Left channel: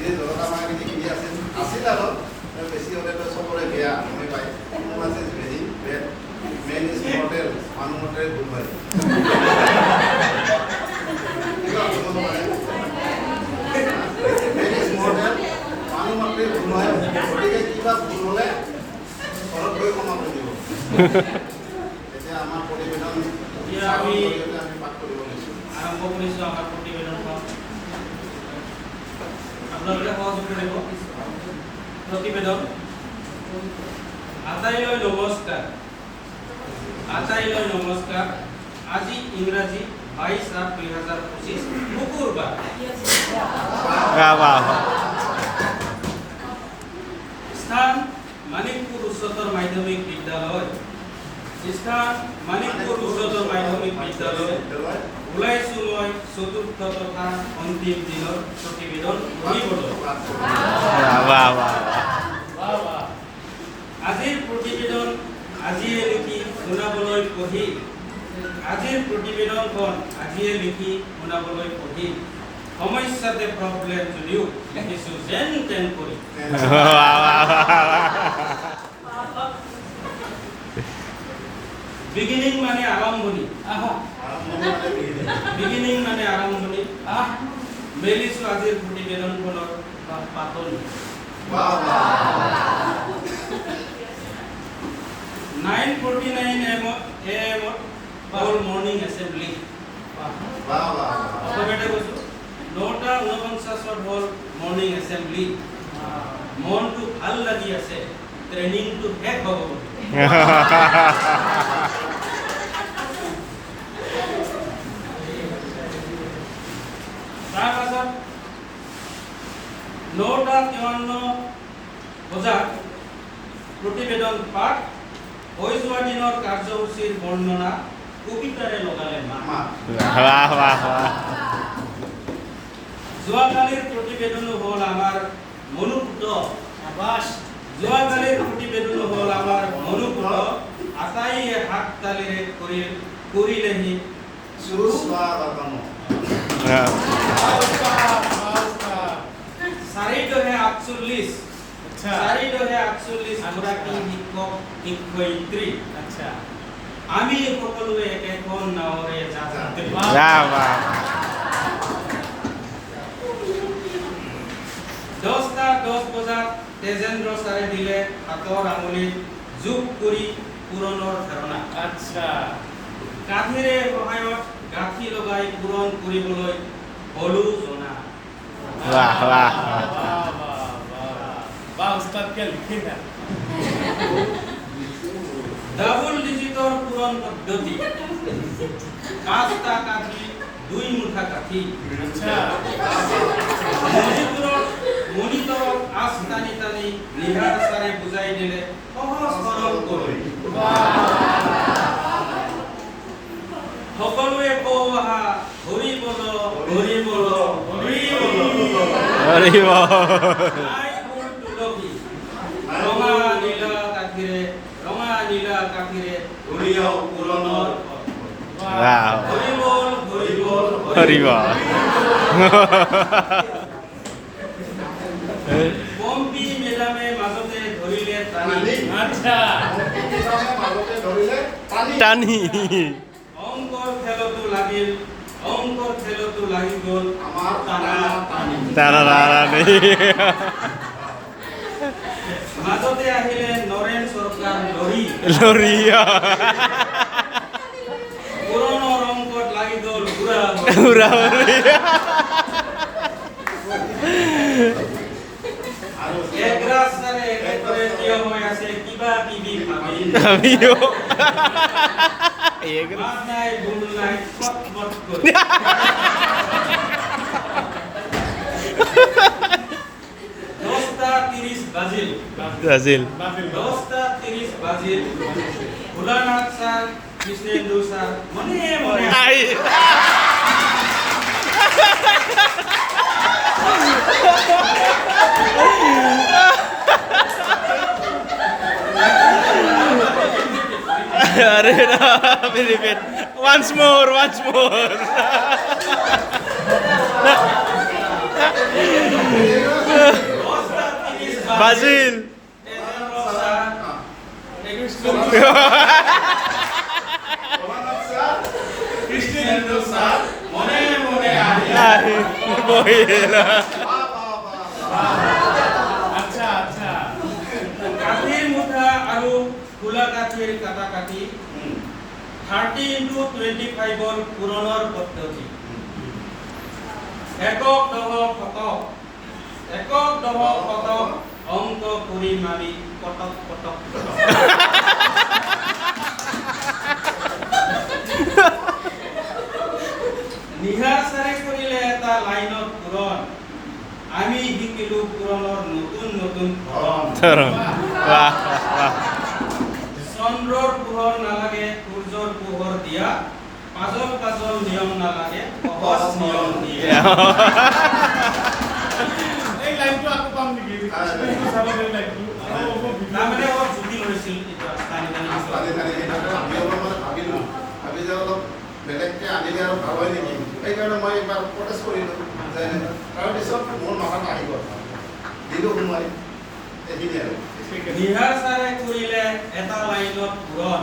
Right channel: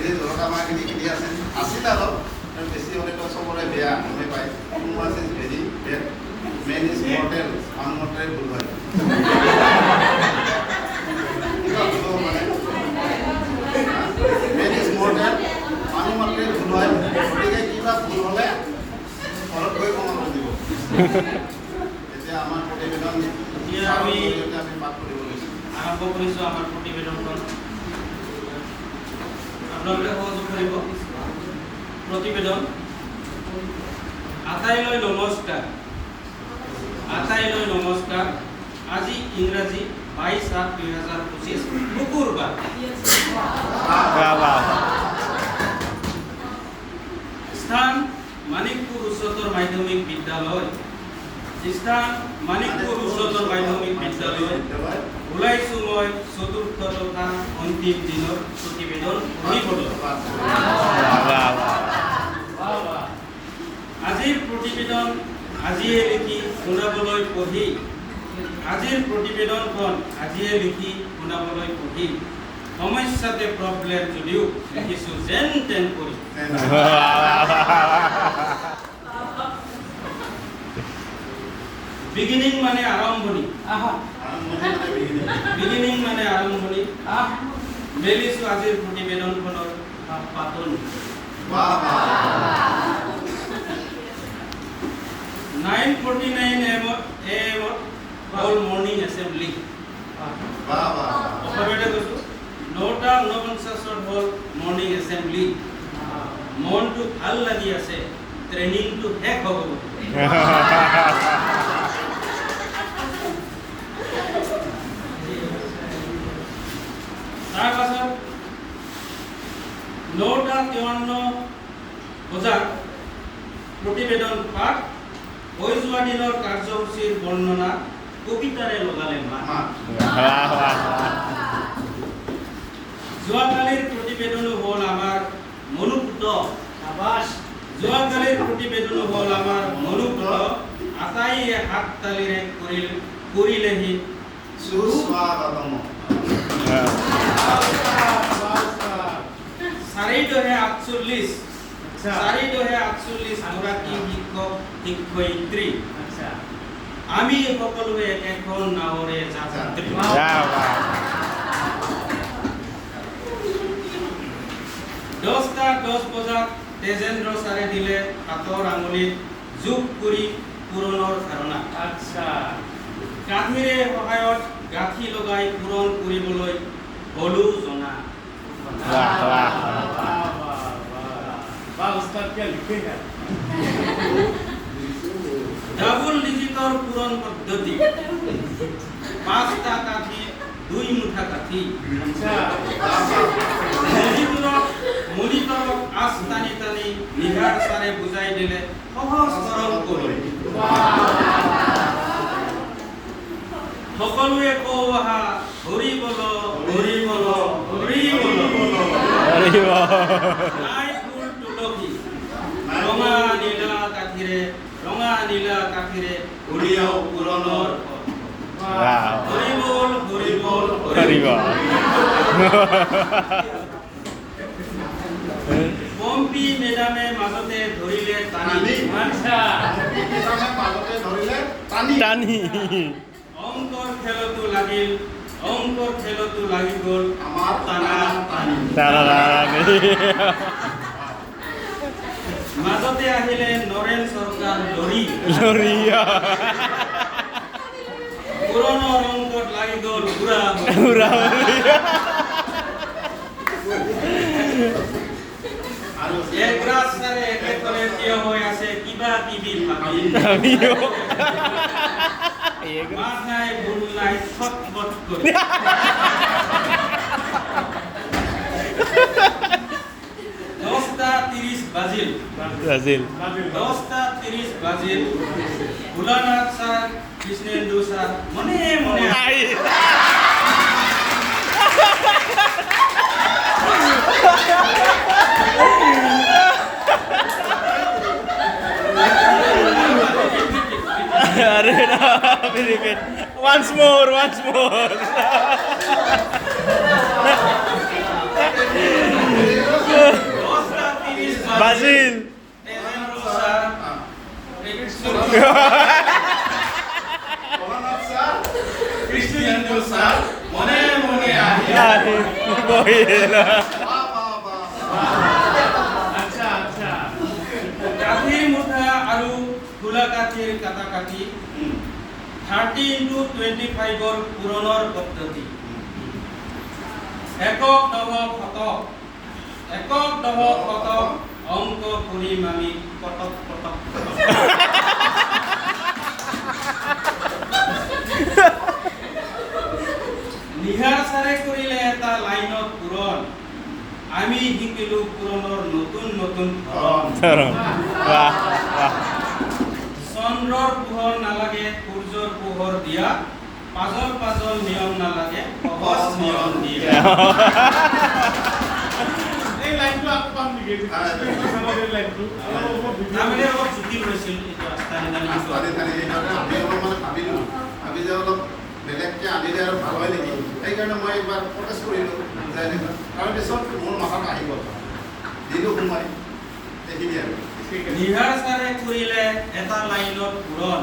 এনে জলকা মাছখিনি কিনি আছিল আৰু বেছি হ'লেতো চবৰে বেয়া গমে পায় মাছ is very bad man is mortal মানুহ মতে ভুল হয় মেন ইজ মৰ্টেল মানুহ মতে ভুল হয় গতিকে কিবা ভুল হ'লে ঘৰত গৈ ক্ষমা কৰি দিব এতিয়া আমাৰ প্ৰতিবেদন আমি পাঠ কৰিব লৈছোঁ আৰম্ভ কৰিছোঁ আমাৰ প্ৰতিবেদনখন আপোনালোকে সহযোগ কৰিব প্ৰতিবেদন আটাইলৈ নমস্কাৰ আটাইলৈ নমস্কাৰ আজি ইংৰাজী 22/7/2025 শুকুৰবাৰ স্থান মানিকপুৰ উচ্চতৰ মাধ্যমিক বিদ্যালয় স্থান মানিকপুৰ উচ্চতৰ মাধ্যমিক বিদ্যালয় ওলাইছোঁ মই চতুৰ্থ তথা অন্তিম দিনৰ প্ৰতিবেদন পঢ়িবলৈ আজিৰ প্ৰতিবেদন আজিয়ে লিখি শুনাবলৈ পঢ়ি আজিৰ প্ৰতিবেদনখন আজিয়ে লিখি শুনাবলৈ পঢ়ি সমস্যাতে প্ৰব্লেম যদিও লিখিছোঁ যেন তেন কৰি বিগিনিং মানে আৰম্ভণি বিগিনিং মানে আৰম্ভণি মেলিছোঁ আজিৰ প্ৰতিবেদনখনৰ পাতনি 9:49 AM all morning assembly অসমীয়াতে কৈছোঁ 9:49 হ'ল মৰ্ণিং এছেম্বলি মনটো ভাল লাগি আছে ট্ৰেইনিংটো শেষ হ'ব তাৰপাছত 9:53 বজাত প্ৰতিবেদন পাঠ হৈ যোৱা দিনৰ কাৰ্যসূচীৰ বৰ্ণনা কবিতাৰে লগালে যোৱাকালিৰ প্ৰতিবেদনো হ'ল আমাৰ মনোপুত যোৱাকালিৰ প্ৰতিবেদনো হ'ল আমাৰ মনোপুত আটাইয়ে হাত তালিৰে কৰিলেহি সুস্বাগতম 4:48 গৰাকী শিক্ষক শিক্ষয়িত্ৰী আমি সকলোৱে একেখন নাৱৰে যাত্ৰী 10:10 বজাত তেজেন্দ্ৰ ছাৰে দিলে হাতৰ আঙুলিত যোগ কৰি পূৰণৰ ধাৰণা গাঁঠিৰে সহায়ত গাঁঠি লগাই পূৰণ কৰিবলৈ হলো জনা ডাবল ডিজিটৰ পূৰণ পদ্ধতি 5টা কাঠি 2 মুঠা কাঠি মনিটৰক আঁচ টানি টানি নিহাৰ ছাৰে বুজাই দিলে সহজ সৰল কৰি সকলোৱে কওঁ আহা হৰি বল হৰি বল হৰি বল ৰঙা নীলা কাঠিৰে উলিয়াও পুৰণৰ হৰি বল হৰি বল হৰি বল পম্পী মেডামে মাজতে ধৰিলে টানি অংকৰ খেলতো লাগি গ'ল আমাৰ টানি মাজতে আহিলে নৰেন চৰকাৰ লৰি পুৰণৰ অংকত লাগি গ'ল ঘূৰা একৰাজ ছাৰে একেবাৰে থিয় হৈ আছে কিবা কিবি ভাবি মাত নাই ভুল নাই ছটমট কৰি 10:30 বাজিল 10:30 বাজিল ভোলানাথ স্যাৰ কৃষ্ণেন্দু স্যাৰ মনে মনে Arey, very good. Once more. Basil. Tejendra sir Krishnendu sir মনে মনে আহি Bohila. আচ্ছা আচ্ছা কাঠিৰ মুঠা আৰু খোলা কাঠিৰ কাটা কাটি 30x25 পূৰণৰ পদ্ধতি একক দশক শতক অংক কৰি মানি কটক কটক নিহাৰ চাৰে কৰিলে এটা লাইনত পূৰণ আমি শিকিলো পূৰণৰ নতুন নতুন ধৰণ Wah. চন্দ্ৰৰ পোহৰ নালাগে সূৰ্যৰ পোহৰ দিয়া পাজল নিয়ম নালাগে সহজ নিয়ম দিয়া এই লাইনটো আকৌ পাম নেকি কৃষ্ণেন্দু ছাৰৰ লাইনটো তাৰমানে অলপ জটিল হৈছিল এইটো টানি টানি শিকোৱা। ভাবি যে অলপ বেলেগকে আনিলে আৰু ভাল হয় নেকি সেইকাৰণে মই এবাৰ প্ৰটেষ্ট কৰিলোঁ যে তাৰপিছত মোৰ মাথাত আহি গ'ল দিলোঁ সোমাই সেইখিনি আৰু নিহাৰ চাৰে কৰিলে এটা লাইনত পূৰণ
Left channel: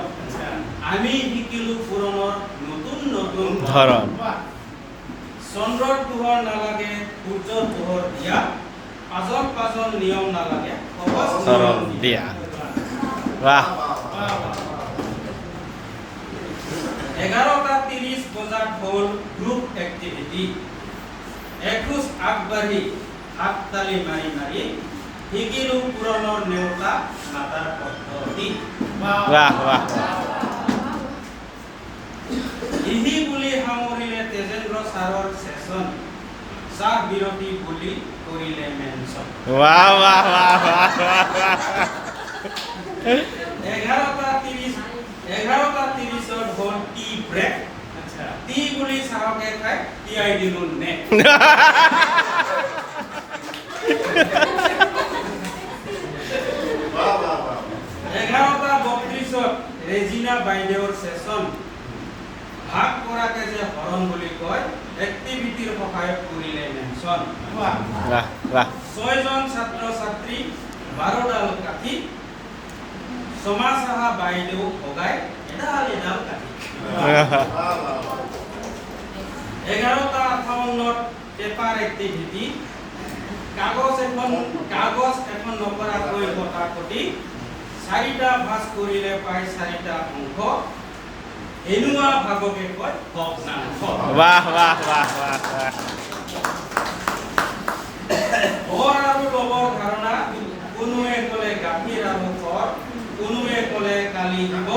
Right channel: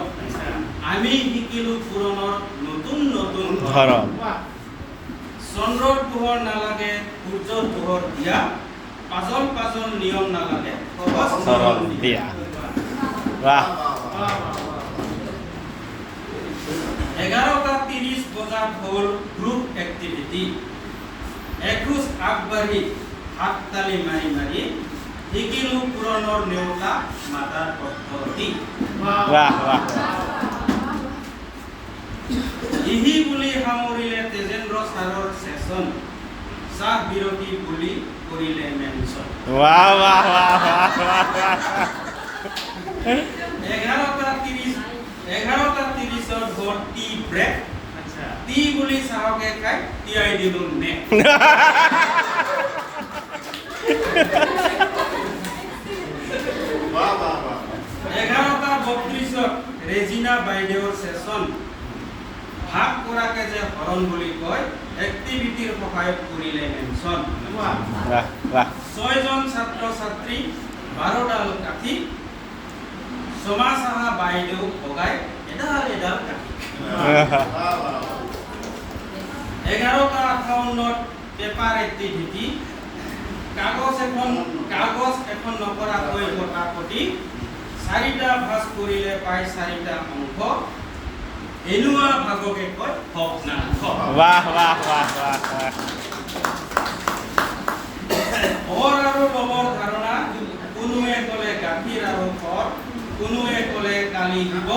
আমি শিকিলো পূৰণৰ নতুন নতুন ধৰণ চন্দ্ৰৰ পোহৰ নালাগে সূৰ্যৰ পোহৰ দিয়া পাজল নিয়ম নালাগে সহজ ধৰণ নিয়ম দিয়া Wah. 11:30 বজাত হ'ল গ্ৰুপ এক্টিভিটি এখোজ আগবাঢ়ি হাততালি মাৰি মাৰি শিকিলো পুৰণৰ নেওতা মাতাৰ পদ্ধতি Wah. ইহি বুলি সামৰিলে তেজেন্দ্ৰ ছাৰৰ সেশন চাহ বিৰতি বুলি কৰিলে মেনচন Wah. 11:30 হ'ল টি ব্ৰেক আচ্ছা টি বুলি চাহকে খাই টিয়াই দিলো নে বাহ বাহ বাহ 11:32 ৰেজিনা বাইদেউৰ সেশন ভাগ কৰাকে যে হৰণ বুলি কয় এক্টিভিটিৰ সহায়ত কৰিলে মেনচন Wah. 6জন ছাত্ৰ ছাত্ৰী 12ডাল কাঠি সমাজ সাহা বাইদেউ ভগাই এডাল কাঠি 11:58 পেপাৰ এক্টিভিটি কাগজ এখন নকৰাকৈ কটাকটি 4টা ভাঁজ কৰিলে পায় 4টা অংশ এনেকুৱা ভাগকে কয় ভগ্নাংশ Wah. ঘৰ আৰু লবৰ ধাৰণা কোনোৱে ক'লে গাখীৰ আৰু ঘৰ কোনোৱে ক'লে কালি দিব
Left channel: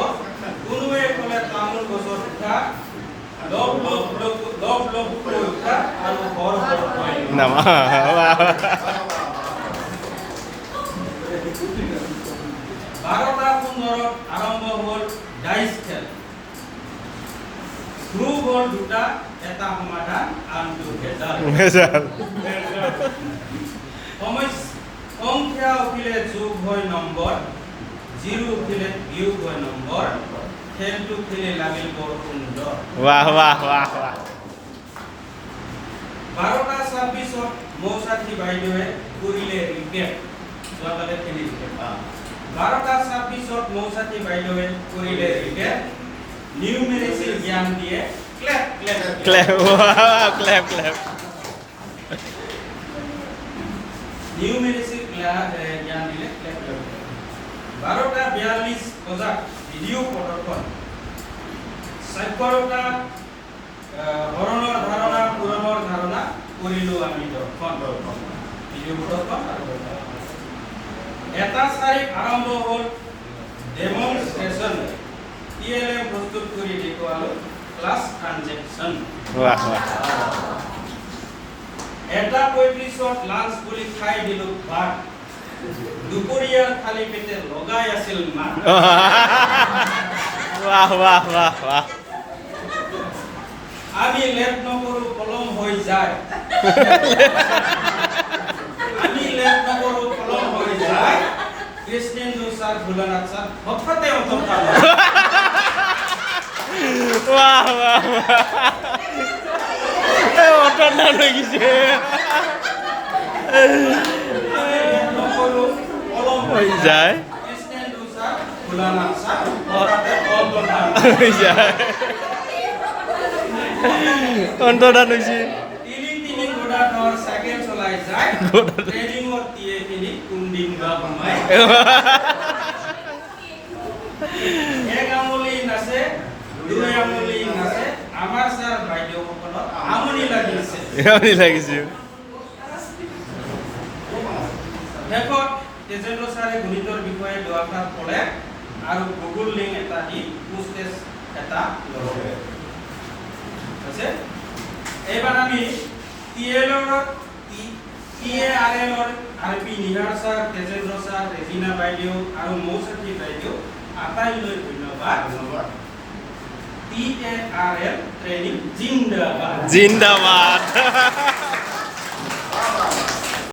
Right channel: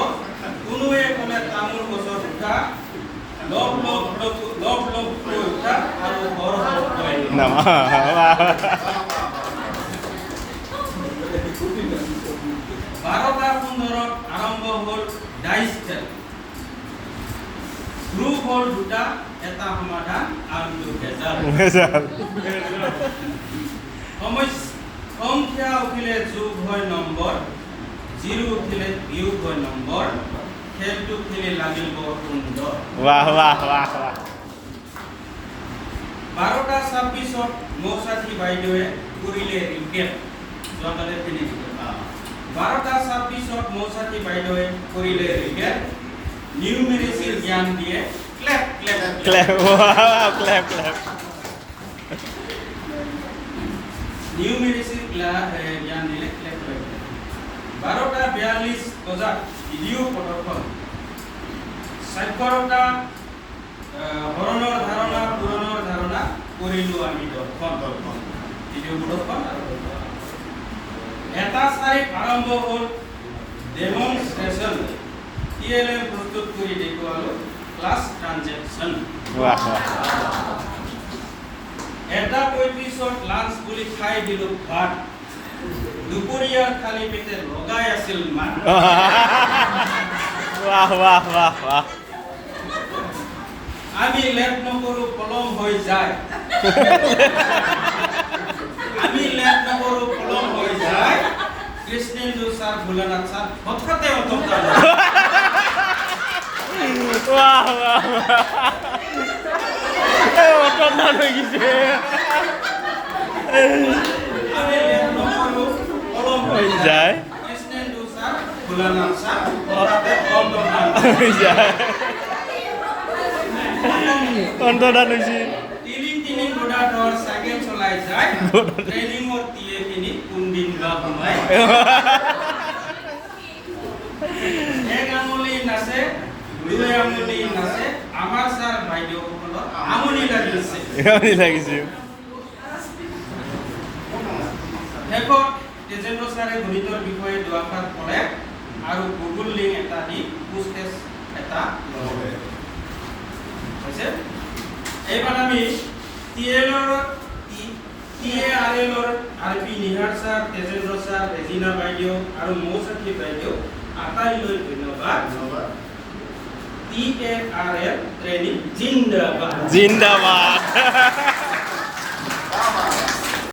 কোনোৱে ক'লে তামোল গছৰ উঠা লগ কৈ উঠা আৰু ঘৰ কৈ Nama. 12:15 আৰম্ভ হ'ল ডাইচ খেল গ্ৰুপ হ'ল দুটা এটা সমাধান আনটো ৰেজাল্ট সংখ্যা উঠিলে যোগ হয় নম্বৰ জিৰো উঠিলে বিয়োগ হয় নম্বৰ খেলটো খেলি লাগিল বৰ সুন্দৰ Wah. 12:26 মৌচাঠী বাইদেৱে কৰিলে ৰিকেট যোৱাকালি খেলি দিলে 12:26 মৌচাঠী বাইদেৱে কৰিলে ৰিকেট নিউমেৰিচিৰ জ্ঞান দিয়ে ক্লেপ Clap. নিউমেৰিচিৰ জ্ঞান দিলে ক্লেপ 12:42 বজাত ভিডিঅ' প্ৰদৰ্শন সাক্ষৰতা হৰণৰ ধাৰণা পূৰণৰ ধাৰণা কৰিলো আমি দৰ্শন ভিডিঅ' প্ৰদৰ্শন আৰু এটা তাৰিখ আৰম্ভ হ'ল ডেমনষ্ট্ৰেচন TLM প্ৰস্তুত কৰি দেখুৱালো ক্লাছ ট্ৰানজেকচন Wah. 1:35 লাঞ্চ বুলি খাই দিলো ভাত দুপৰীয়াৰ খালি পেটে লগাই আছিল মাত Wah. আমি লেট নকৰো কলম হৈ যায় কৃষ্ণেন্দু ছাৰ ভোলানাথ ছাৰ হঠাতে Wah. Otot mana gitu. আমি লেট নকৰো যায় কৃষ্ণেন্দু স্যাৰ ভোলানাথ স্যাৰ হঠাতে অন্তৰ্ধান যায় অন্তৰ্ধান হৈছে তিনি গোডাটৰ চাইকেল চলাই যায় ট্ৰেনিঙৰ টিয়েখিনি কোনদিন বা সোমাই এক আঙুলি নাচে দুই আঙুলি নাচে আমাৰ ছাৰ বাইদেউসকলৰ আমনি লাগিছে আমনি লাগিছে শেষত তেজেন্দ্ৰ ছাৰে গণিতৰ বিষয়ে দুআষাৰ ক'লে আৰু গুগল লিংক এটা দি পোষ্টেজ এটা লগালে হৈছে এইবাৰ আমি TARL RP নিহাৰ ছাৰ তেজেন্দ্ৰ ছাৰ ৰেজিনা বাইদেউ আৰু মৌচকী বাইদেউ আটাইলৈ ধন্যবাদ TARL ট্ৰেইনিং জিন্দাবাদ জিন্দাবাদ